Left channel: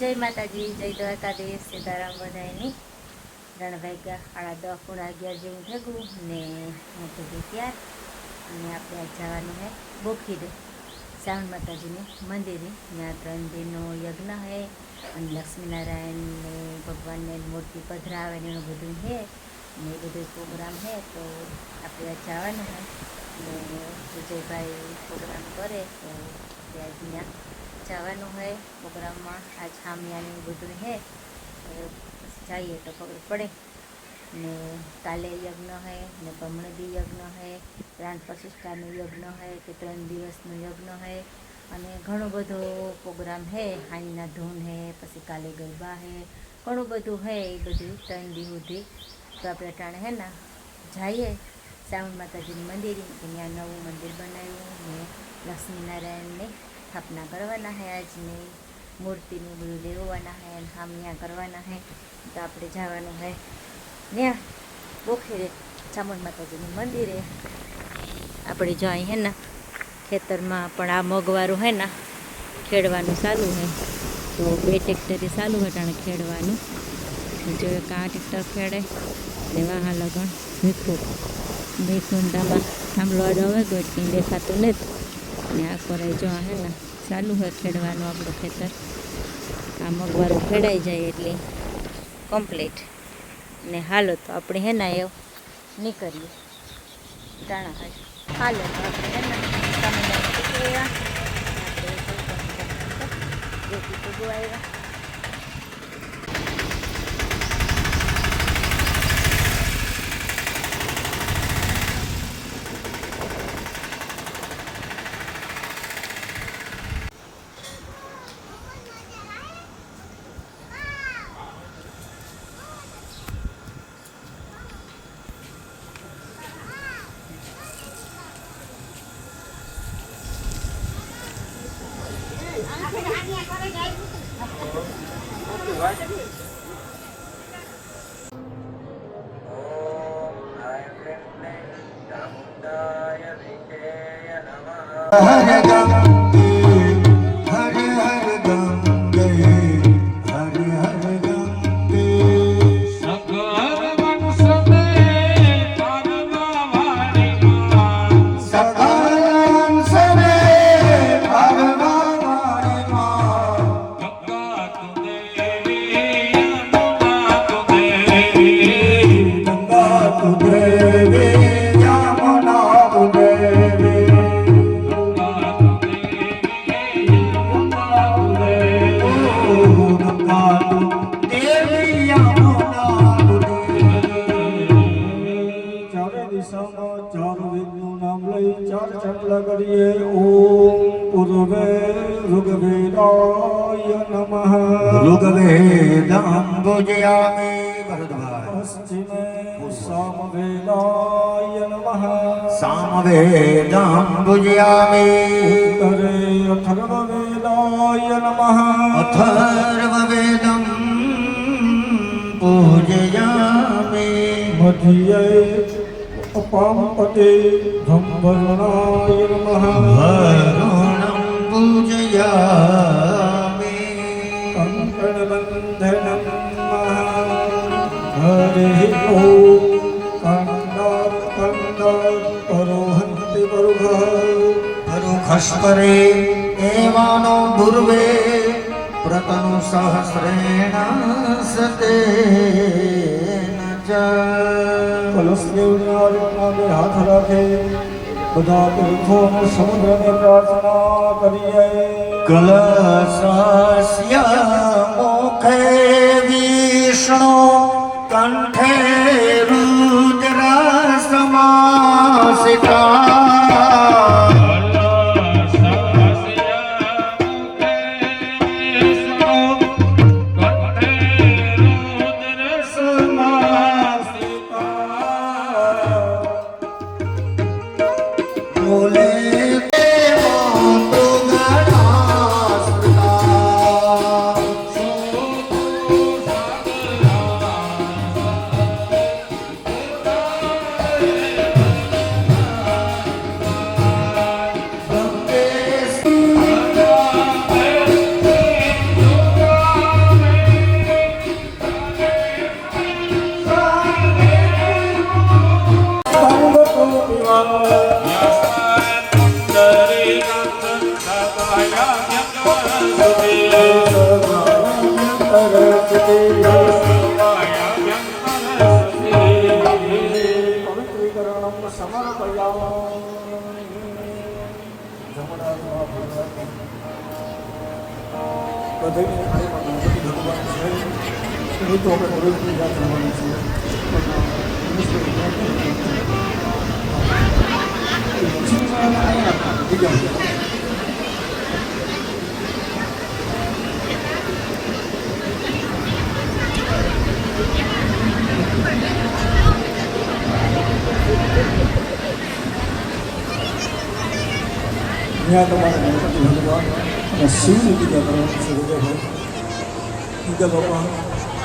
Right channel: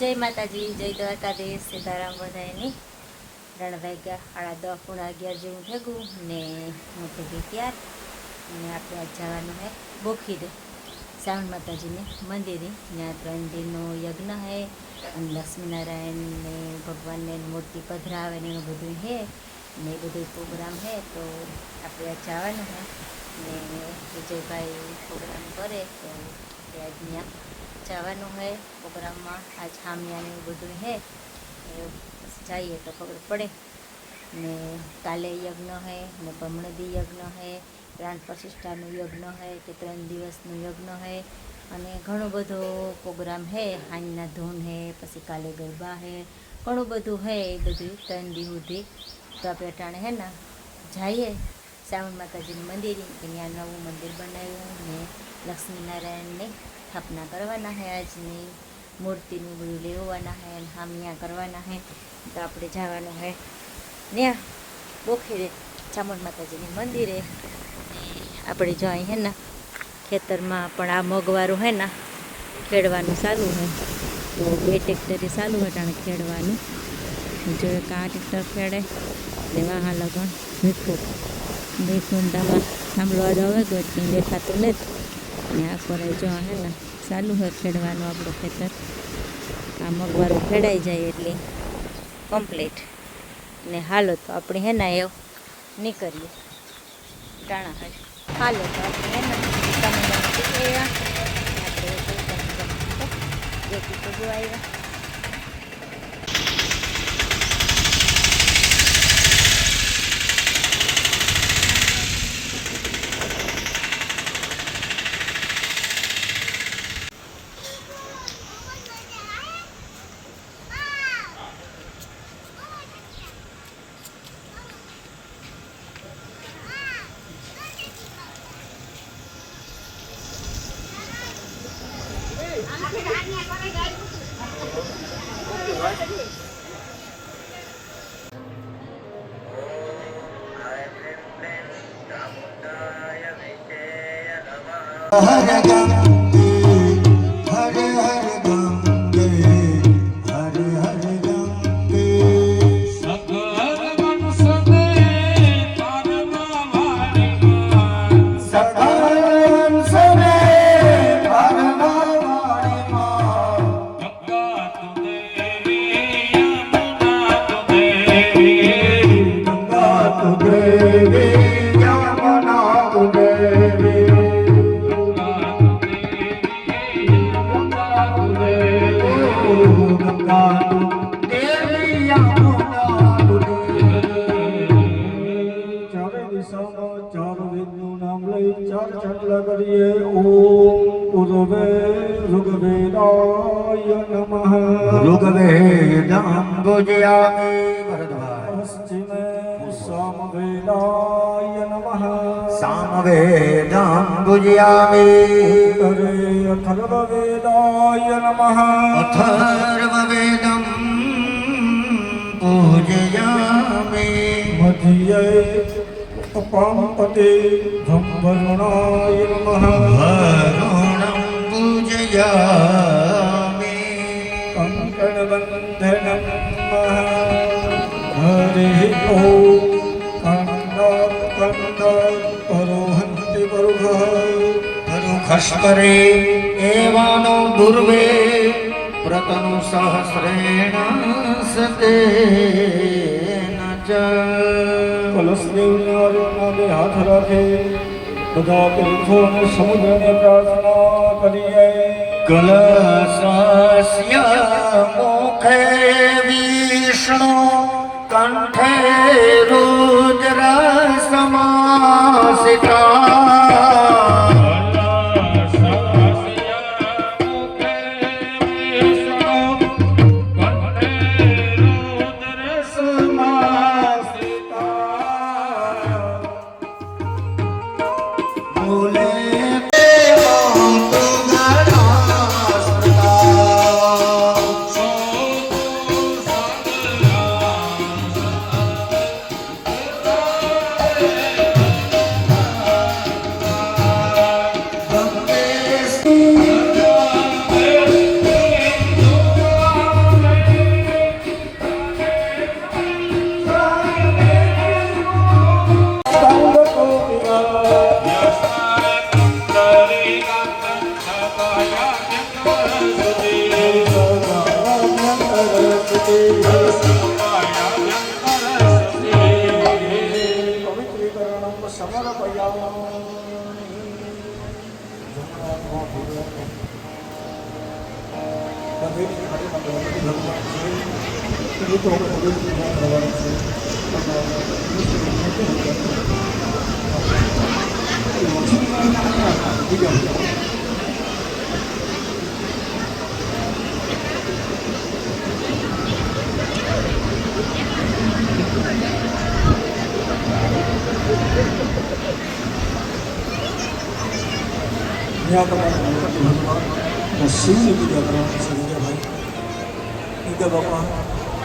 જય માતાજી, જય દ્વારકાધીશ, સીતારામ બધાની. 3 વાગ્યા 10:11 જેવું ભેગું ને હું ભેગી ત્યાર અને આપણે આજ જવાનું છે બોખીરે શ્રાવણ માતાજીને મંદિરે. ત્યાં 3 દિનનો યજ્ઞ છે અને લક્ષ્મીનારાયણ ને ભગવાનને મૂર્તિ પધરાવે ને એનું બધું છે ને એ બધું પ્રોગ્રામ છે. તો આપણે આજ જવાનું છે ને વિજયભાઈ પ્રોગ્રામ કરે તો આપણે આજ ત્યાં જવાનું છે પ્રોગ્રામમાં. આજ હામિયાને એવું બધું છે જઈએ તો ખબર પડે. ને કાલે યજ્ઞ છે ને બમણદી યજ્ઞ છે, પ્રાણ પ્રતિષ્ઠાનું યજ્ઞ છે કે 3 દિવસનું યજ્ઞ છે અને ઘણો બધો પ્રોગ્રામ છે. હાંજના ધૂન છે, પછી કાલે ગરબા છે, ઘણું બધું છે એ બધું 3 દિવસ સુધી. તો આપણે અટાણે હે ને જઈએ શ્રાવણ માતાજીનું મંદિર, ત્યાં નવું મંદિર બનાવ્યું ને લક્ષ્મીનારાયણને સ્થાપના કરવાના છે. આજની મૂર્તિનું બધું લેવાના છે અને હામિયા કરવાના છે. તો આપણે જવાનું છે ત્યાં બોખીરે ચામુંડ માતાજીની મંદિરે. આપણે જો અહીં હે ને ખેતરમાં પણ આ મગવારું હે ને ખેડવાનું ચાલુ છે. તો 2 ટ્રેક્ટરે ચાલુ છે ટાણે ખેડવાનું. જો એક આ ટ્રેક્ટર ખેડે ને વાહા લગણ ભીખુંડામાં થાંભલો આડો હવે ગયો કંઈ દેખાતું નથી ને આ કોરાય જો હે ને ચાલુ હોય ખેડવાનું આપણું ખેતર. આ મગવારું ખેડાઈ જાય એટલે કમ્પ્લીટ ને હાલો તો આપણે હે ને એવું નીકળીએ ટાણા હોય. હાલો તો આપણે હે ને તમિલનાડુ આવ્યા જેથી તો ગો આવ્યા. सामवेदं पूजयामि अथर्ववेदाय नमः अथर्ववेदं पूजयामि मध्ये अपांपते धम्भरणाय नमः वरुणं पूजयामि कंकणबन्धनं नमः हरिः ओम् परोहन्ति परुखस्परे एवानो दुर्वे प्रतनु सहस्रेण सतेन च कलशदेवने नामे हाथ राखे બધા તીર્થોને સમગ્રને પ્રાર્થના કરીએ. કલશસ્ય મુખે વિષ્ણુ કંઠે રુદ્ર સમાસિતા પવિત્રીકરણમ સમર્પયામિ. જમણા હાથમાં ભગવાન બધેની થાળીમાં ગણપતિ ભગવાન છે. ઋતુ આપણે રોજ પૂજા કરવાની છે. શિવની પૂજા કરવાની છે વિજયભાઈ. ઈગલ બાપા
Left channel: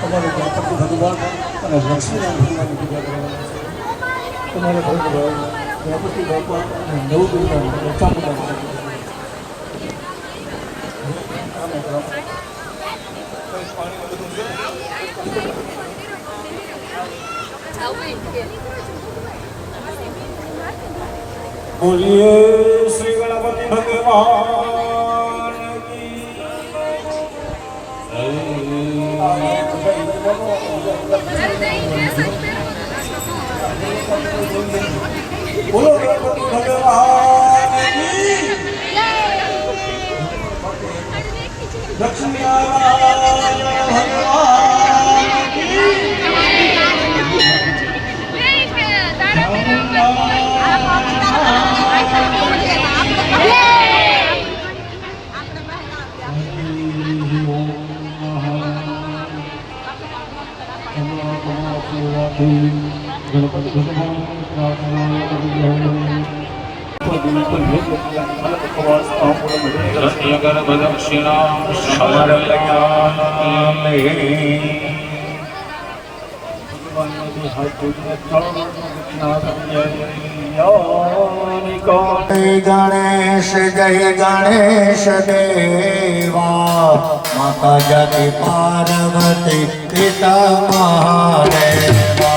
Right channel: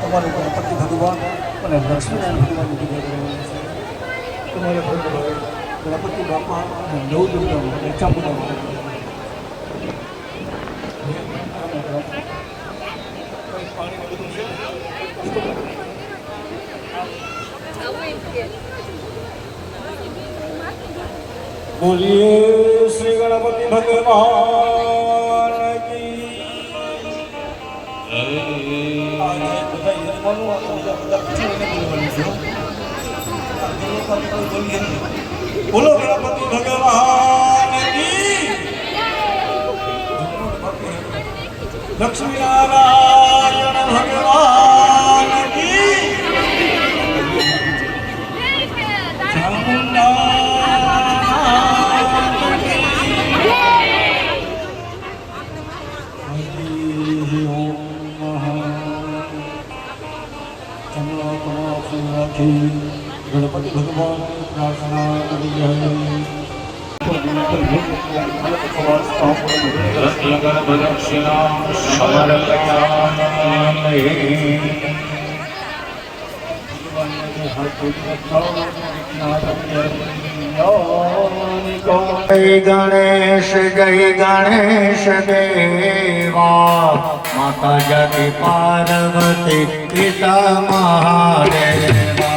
તમારે ગણપતિ ભગવાન અને લક્ષ્મીનારાયણ ભગવાનની પૂજા કરવાની છે. તમારે ભગવાન ગણપતિ બાપા અને નવ દુર્ગાની રચા પૂજા કરવાની છે. બોલીએ શ્રી ગણપતિ ભગવાન કી બોલો ગણપતિ ભગવાન કી લક્ષ્મી નારાયણ ભગવાન કી ગણપતિ ભગવાન પ્રાર્થના ગણેશ જય ગણેશ દેવા માતા જાતિ પાર્વતી પિતા મહાદેવા.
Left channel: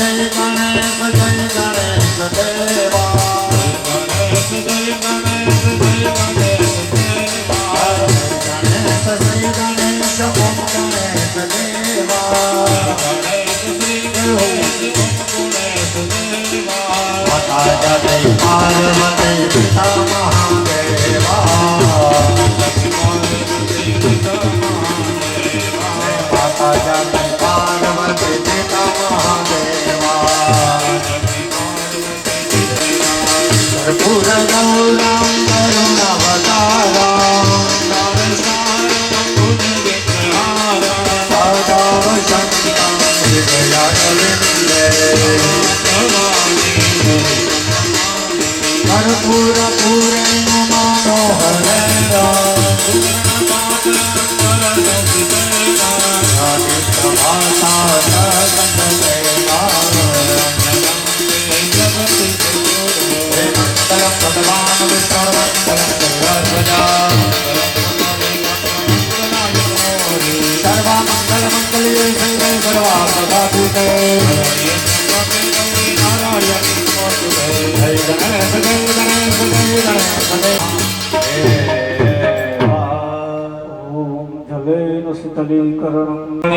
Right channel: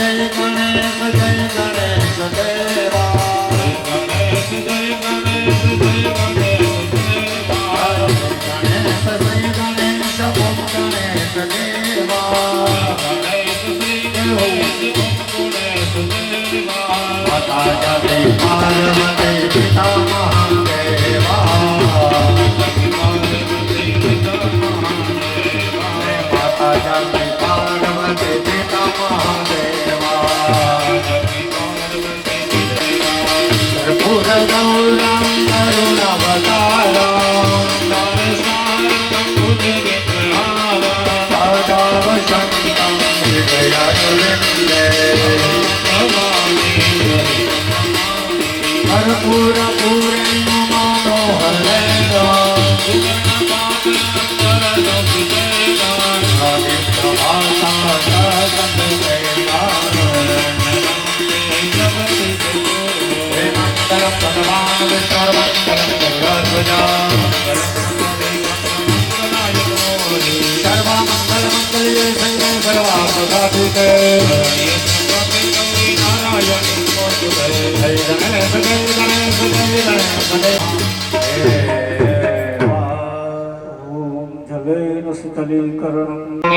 જય ગણેશ દેવા માતા જાતે પાર્વતી પિતા મહાદેવા માતા જાતે પાર્વતી પિતા મહાદેવા કર્પૂર ગૌરમ કરુણાવતારમ कर्पूर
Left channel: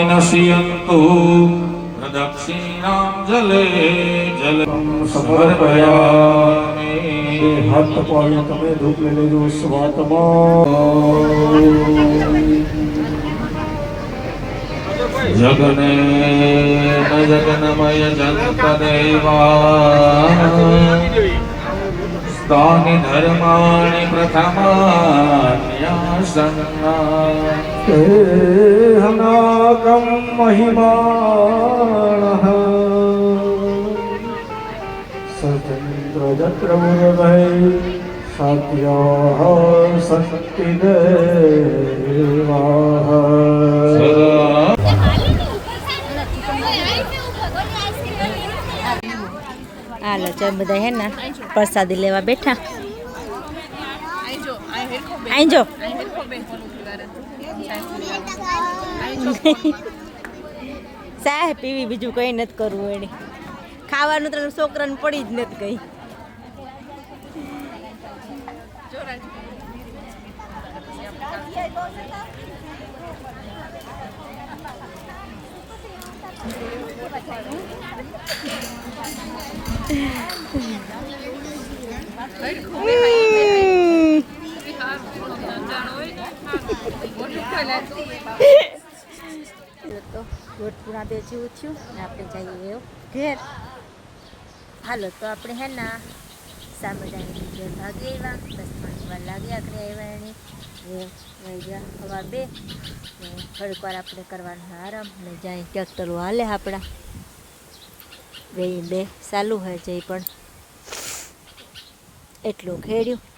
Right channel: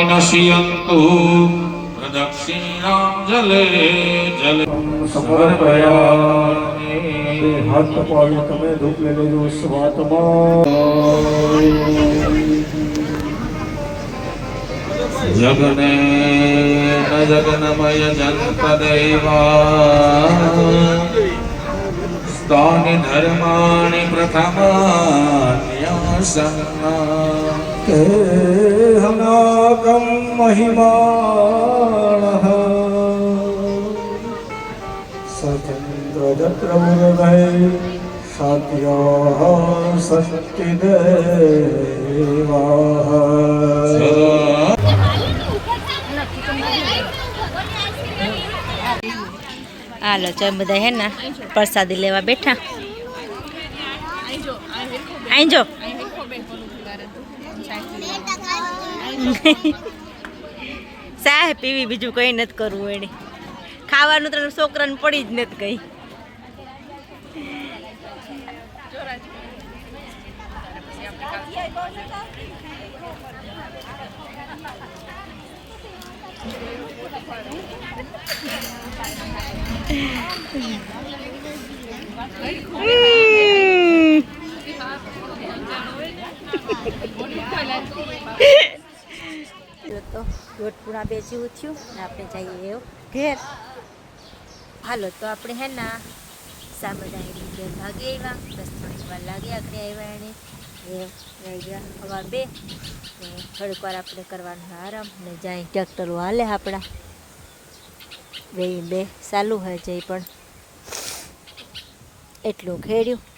नश्यन्तु प्रदक्षिणां जले जले समर्पयामि हाथ पाड़ी તમે ધૂપ લઈ લેજો સ્વાતમાં जगने जगन्मय जगदेवा स्थानि धर्माणि प्रथमान्यासन्ना ते हनागम महिमानः स्वतंत्र जत्रमुरभै सात्याः शक्तिदेवाः હાલો ચાલ બધા હે ને પ્રસાદી લેવા બેઠા આઈ જો સાહેબ પીવી બીજું કઈ નથી કરવું એને ખાવાનું તો છોકરાને પડી જ નથી કઈ તો દોઢ બે જેવું થયું ને આપણે જઈએ એવું ઘેર હાલો તો આપણે હે ના સામદાયની ઘેર ભાગી આવ્યા બસ થોડીક વાર લાગી આખરે આવ્યા એને એ વહી ગયા સવાર 2 ને થોડીક વાર આપણે કરવાનો આરામ ને જાય ટ્રેક્ટરો હાલે આપણા બે ચાલુ હોય જઈ પણ એટલું ખેડ્યું